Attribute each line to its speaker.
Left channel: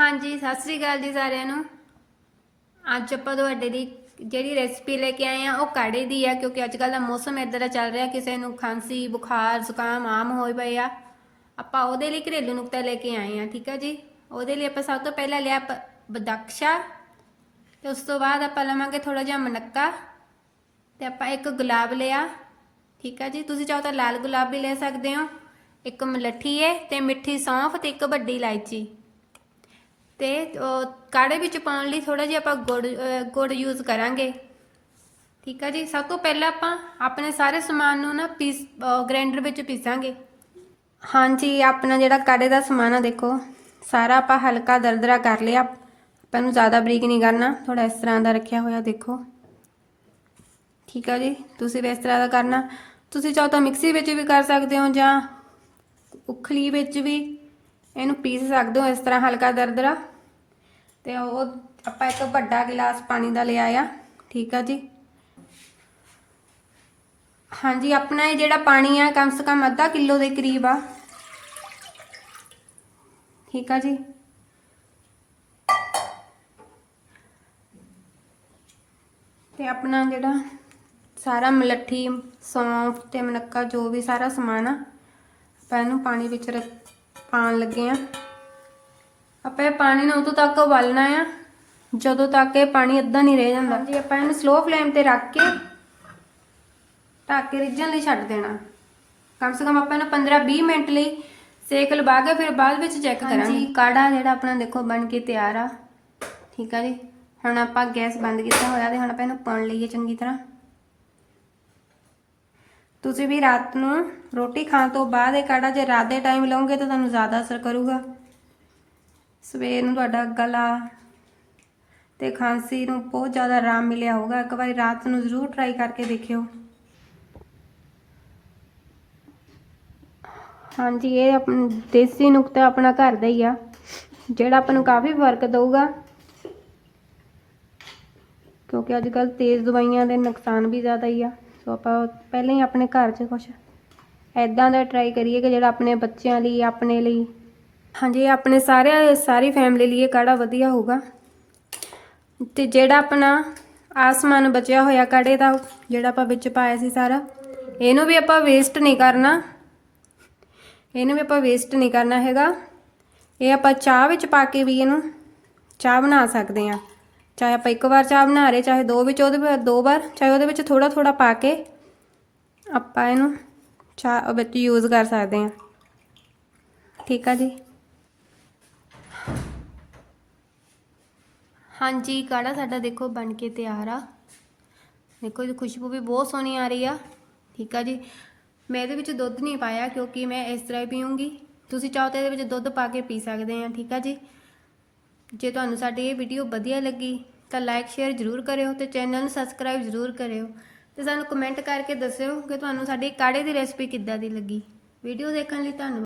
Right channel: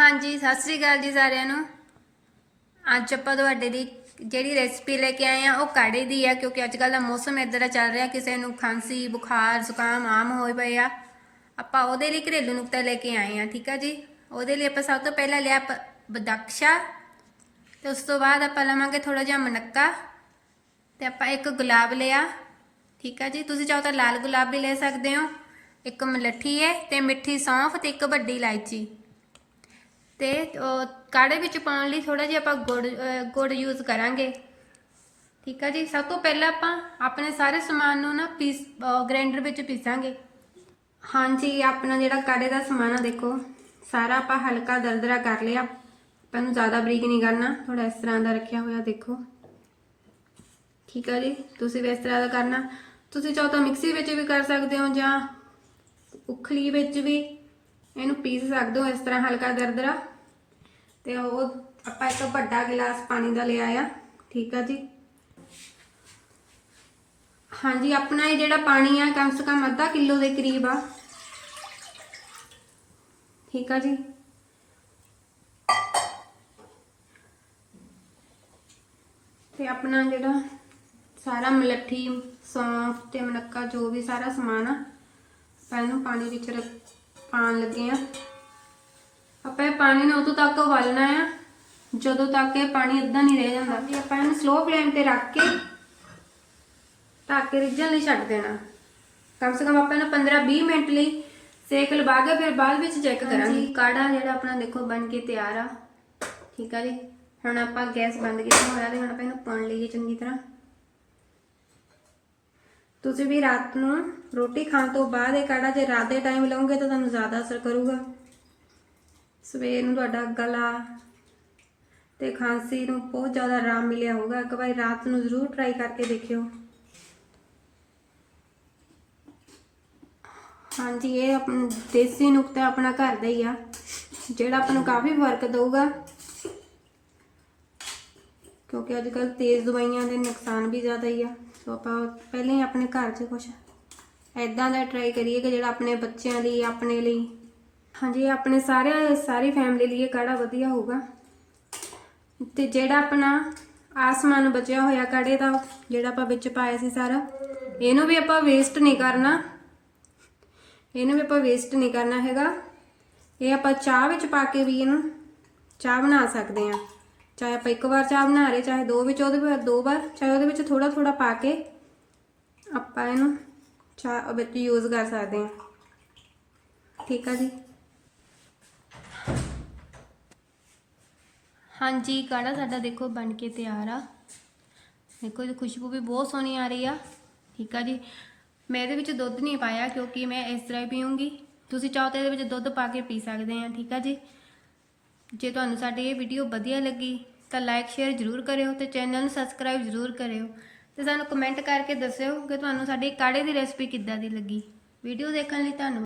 Speaker 1: ਹਾਂਜੀ, ਸਤਿ ਸ੍ਰੀ ਅਕਾਲ ਜੀ ਸਾਰਿਆਂ ਨੂੰ। ਅੱਜ ਆਪਾਂ ਤੁਹਾਡੇ ਲਈ ਜਿਹੜੀ ਰੈਸਪੀ ਲੈ ਕੇ ਆਏ ਆ ਉਹ ਕਾੜੇ ਦੀ ਆ, ਕਿਉਂਕਿ ਅੱਜ ਕੱਲ ਦਾ ਮੌਸਮ ਇਦਾਂ ਦਾ ਚੱਲ ਰਿਹਾ, ਕਿਸੇ ਨੂੰ ਖਾਂਸੀ, ਬੁਖਾਰ, ਜ਼ੁਕਾਮ ਆਮ ਹੋਏ ਪਏ ਆ। ਆਪਾਂ ਉਹਦੇ ਲਈ ਘਰੇਲੂ ਨੁਕਤਾ ਲੈ ਕੇ ਆਏ ਆ ਠੀਕ ਆ ਜੀ? ਉਹਦੇ ਲਈ ਆਪਾਂ ਸਭ ਤੋਂ ਪਹਿਲਾਂ ਲਿਆ ਪ- ਬਦਕਸ਼ਾ, ਤੇ ਉਸ ਤੋਂ ਬਾਅਦ ਆਪਾਂ ਲਵਾਂਗੇ ਥੋੜਾ ਜਿਹਾ ਮਨੱਕਾ, ਤੇ ਆਪਾਂ ਇੱਕ ਗੁਲਾਬ ਲਿਆ, ਠੀਕ ਆ ਜੀ? ਤੁਸੀਂ ਚਾਹੋ ਤਾਂ ਲਾਲ ਗੁਲਾਬ ਵੀ ਲੈ ਸਕਦੇ ਹੋ। ਇੱਕ ਮਲੱਠੀ ਹੈ ਤੇ ਮਿੱਠੀ ਸੌਂਫ, ਤੇ ਇੱਕ ਵੱਡੀ ਇਲਾਇਚੀ। ਤੇ ਕਾੜੇ ਵਿੱਚ ਪਾਉਣ ਲਈ ਥੋੜਾ ਜਿਹਾ ਆਪਾਂ ਗੁੜ ਗੁੜ ਯੂਜ਼ ਕਰਾਂਗੇ। ਠੀਕ ਆ ਜੀ? ਸਭ ਤੋਂ ਪਹਿਲਾਂ ਆਪਾਂ ਆਪਣੇ ਸਾਰੇ ਸਮਾਨ ਨੂੰ ਨਾ ਪੀਸ ਗ੍ਰਾਈਂਡਰ ਵਿੱਚ ਪੀਸਾਂਗੇ। ਹਾਂਜੀ, ਆਪਣਾ ਜਿਹੜਾ ਕਾੜੇ ਦਾ ਸਮਾਨ ਆ, ਦੇਖੋ। ਸਾਰਾ ਆਪਾਂ ਹਲਕਾ ਦਰਦਰਾ ਕਰ ਲਿਆ। ਆਪਾਂ ਨੂੰ ਜ਼ਿਆਦਾ ਬਰੀਕ ਨਹੀਂ ਕਰਨਾ। ਥੋੜਾ ਇਸ ਤਰ੍ਹਾਂ ਦਾ ਰੱਖਿਆ ਹੋਇਆ, ਦੇਖੋ। ਠੀਕ ਆ ਜੀ? ਤੁਸੀਂ ਵੀ ਇਸ ਤਰ੍ਹਾਂ ਦਾ ਕਰਨਾ। ਤੁਸੀਂ ਚਾਹੋ ਤਾਂ ਮਿਕਸੀ ਵਿੱਚ ਵੀ ਕਰ ਸਕਦੇ ਹੋ ਜਾਂ ਉਖਲੀ ਵਿੱਚ ਵੀ। ਇਹਨੂੰ ਪੀਸ ਸਕਦੇ ਹੋ ਇਸ ਤਰ੍ਹਾਂ ਹਲਕਾ ਦਰਦਰਾ ਤੇ ਉਹ ਆਪਾਂ ਇੱਕ ਵੱਡਾ ਗਲਾਸ ਪਾਣੀ ਦਾ ਲਿਆ ਆ। ਠੀਕ ਆ ਜੀ। ਹਾਂਜੀ, ਆਪਣਾ ਇਹ ਜਿਹੜਾ ਪਾਣੀ ਆ, ਕਮ ਸੇ ਕਮ ਅੱਧਾ ਕਿਲੋ ਦੇ ਕਰੀਬ ਆ। ਠੀਕ ਆ ਜੀ। ਤੇ ਆਪਣਾ ਜਿਹੜਾ ਸਾਰਾ ਮਲੱਠੀ, ਸੌਂਫ ਤੇ ਮਨੱਕਾ, ਜੋ ਵੀ ਸਾਰਾ ਸਮਾਨ ਆ, ਆਪਾਂ ਇਹਨੂੰ ਪਾਣੀ ਵਿੱਚ ਰੱਖ ਪਾਣ ਲੱਗੇ ਆ। ਆਪਾਂ ਇਹ ਪਾਣੀ ਨੂੰ ਉਦੋਂ ਤੱਕ ਉਬਾਲਣਾ ਆ ਜਦੋਂ ਤੱਕ ਇਹ ਪਾਣੀ ਅੱਧਾ ਨਹੀਂ ਰਹਿ ਜਾਂਦਾ। ਜੀ ਆਪਾਂ ਇਹਨੂੰ ਸਲੋ ਫਲੇਮ ਤੇ ਰੱਖ ਕੇ ਢੱਕ ਕੇ ਰਿੱਝਣ ਲਈ ਛੱਡ ਦੇਣਾ। ਕਮ ਸੇ ਕਮ ਆਪਾਂ ਇਹਨੂੰ 15-20 ਮਿੰਟ ਲਈ ਸੇਕ ਲਵਾ ਕੇ ਫਿਰ ਬਾਅਦ ਵਿੱਚ ਚੈੱਕ ਕਰਾਂਗੇ। ਕਾੜਾ ਜਿਹੜਾ ਆਪਣਾ ਦੇਖੋ ਬਣ ਕੇ ਤਿਆਰ ਆ। ਠੀਕ ਆ ਜੀ? ਹੁਣ ਆਪਾਂ ਗੈਸ ਬੰਦ ਕੀਤਾ ਹੋਇਆ ਤੇ ਹੁਣ ਆਪਾਂ ਇਹਨੂੰ ਪਾਉਣ ਲਈਏ ਚੰਗੀ ਤਰ੍ਹਾਂ। ਤੁਸੀਂ ਵੀ ਰਾਤ ਨੂੰ ਰੋਟੀ ਖਾਣ ਤੋਂ ਬਾਅਦ ਇਹ ਕਾੜਾ ਜੇ ਰਾਤ ਦੇ ਟਾਈਮ ਲਓਗੇ ਤਾਂ ਤੁਹਾਨੂੰ ਜ਼ਿਆਦਾ ਅਸਰ ਕਰੂਗਾ। ਸਵੇਰ ਨੂੰ ਤੁਹਾਡਾ ਗਲਾ ਤੇ ਖਾਂਸੀ ਨੂੰ ਬਹੁਤ ਜ਼ਿਆਦਾ ਆਰਾਮ ਮਿਲਿਆ ਹੋਊਗਾ। ਇੱਕ ਵਾਰੀ ਰਾਤ ਨੂੰ ਜ਼ਰੂਰ ਟਰਾਈ ਕਰਕੇ ਦੇਖਿਓ। ਹਾਂਜੀ, ਇਹ ਆਪਣਾ ਦੇਸੀ ਨੁਕਤਾ ਆਪਣਾ ਘਰ ਦਾ ਹੀ ਆ। ਜਿਹੜਾ ਆਪਾਂ ਨੂੰ ਕਾਫੀ ਫ਼ਰਕ ਦਊਗਾ। ਕਿਉਂਕਿ ਅੱਜ ਕੱਲ ਤੇਜ਼ ਦਵਾਈਆਂ ਦੇ ਨੁਕਸਾਨ ਵੀ ਜ਼ਿਆਦਾ ਹੀ ਆ। ਸੋ ਆਪਾਂ ਪਹਿਲਾਂ ਹੀ ਆਪਣੇ ਘਰ 'ਚ ਕੁਝ ਐਦਾਂ ਦਾ ਟਰਾਈ ਕਰੀਏ ਕਿ ਜਿਹੜਾ ਆਪਣੇ ਬੱਚਿਆਂ ਲਈ, ਆਪਣੇ ਲਈ। ਹਾਂਜੀ, ਆਪਣੇ ਸਾਰਿਆਂ, ਸਾਰੀ ਫੈਮਿਲੀ ਲਈ ਇਹ ਕਾੜਾ ਵਧੀਆ ਹੋਊਗਾ। ਤੇ ਜਿਹੜਾ ਆਪਣਾ ਆਸਮਾਨ ਬਚਿਆ ਹੋਇਆ ਕਾੜੇ ਦਾ, ਜਿਹੜਾ ਆਪਾਂ ਵਿੱਚ ਪਾਇਆ ਸੀ ਸਾਰਾ, ਇਹਨੂੰ ਵੀ ਆਪਾਂ ਵੇਸਟ ਨਹੀਂ ਕਰਨਾ। ਇਹਨੂੰ ਵੀ ਆਪਾਂ ਵੇਸਟ ਨਹੀਂ ਕਰਨਾ ਹੈਗਾ। ਇਹ ਆਪਾਂ ਚਾਹ ਵਿੱਚ ਪਾ ਕੇ ਵੀ ਇਹਨੂੰ ਚਾਹ ਬਣਾ ਸਕਦੇ ਆ ਚਾਹੇ ਆਪਾਂ ਇੱਕ ਵਾਰ ਚਾਹ ਬਣਾ ਰਹੇ, ਚਾਹੇ ਦੋ ਵਿੱਚ ਉਹਦੇ ਵਿੱਚ, ਦੋ ਵਾਰ, ਚਾਹੇ ਉਹਦੇ ਵਿੱਚ ਥੋੜਾ ਥੋੜਾ ਪਾ ਕੇ ਆਪਾਂ ਇਹਨੂੰ ਚਾਹ ਵਿੱਚ ਯੂਜ਼ ਕਰ ਸਕਦੇ ਹਾਂ। ਠੀਕ ਆ ਜੀ? ਹਾਂਜੀ, ਕਾੜਾ ਸਾਡਾ ਦੇਖੋ ਬਣ ਕੇ ਤਿਆਰ ਆ। ਦੇਖੋ, ਇਹਦੀ ਖੁਸ਼ਬੂ ਵੀ ਬਹੁਤ ਸੋਹਣੀ ਆ ਰਹੀ ਆ। ਠੀਕ ਆ ਜੀ? ਮੈਂ ਇਹਦੇ ਵਿੱਚ ਦੁੱਧ ਨਹੀਂ ਪਾਇਆ ਕਿਉਂਕਿ ਮੈਂ ਇਸ ਤਰ੍ਹਾਂ ਹੀ ਪੀਉਂਗੀ ਤੁਸੀਂ ਚਾਹੋ ਤਾਂ ਇਹਦੇ ਵਿੱਚ ਦੁੱਧ ਪਾ ਕੇ ਪੀ ਸਕਦੇ ਆ ਠੀਕ ਆ ਜੀ? ਜੇ ਤੁਹਾਨੂੰ ਸਾਡੀ ਇਹ ਵੀਡੀਓ ਵਧੀਆ ਲੱਗੀ ਤਾਂ ਲਾਈਕ ਸ਼ੇਅਰ ਜ਼ਰੂਰ ਕਰਿਓ ਤੇ ਚੈਨਲ ਨੂੰ ਸਬਸਕ੍ਰਾਈਬ ਜ਼ਰੂਰ ਕਰਿਓ ਤੇ ਸਾਨੂੰ ਕਮੈਂਟ ਕਰਕੇ ਦੱਸਿਓ ਕਿ ਤੁਹਾਨੂੰ ਸਾਡੀ ਕਾੜੇ ਦੀ ਰੈਸਪੀ ਕਿੱਦਾਂ ਦੀ ਲੱਗੀ। ਵੀਡੀਓ ਦੇਖਣ ਲਈ ਧੰਨਵਾਦ।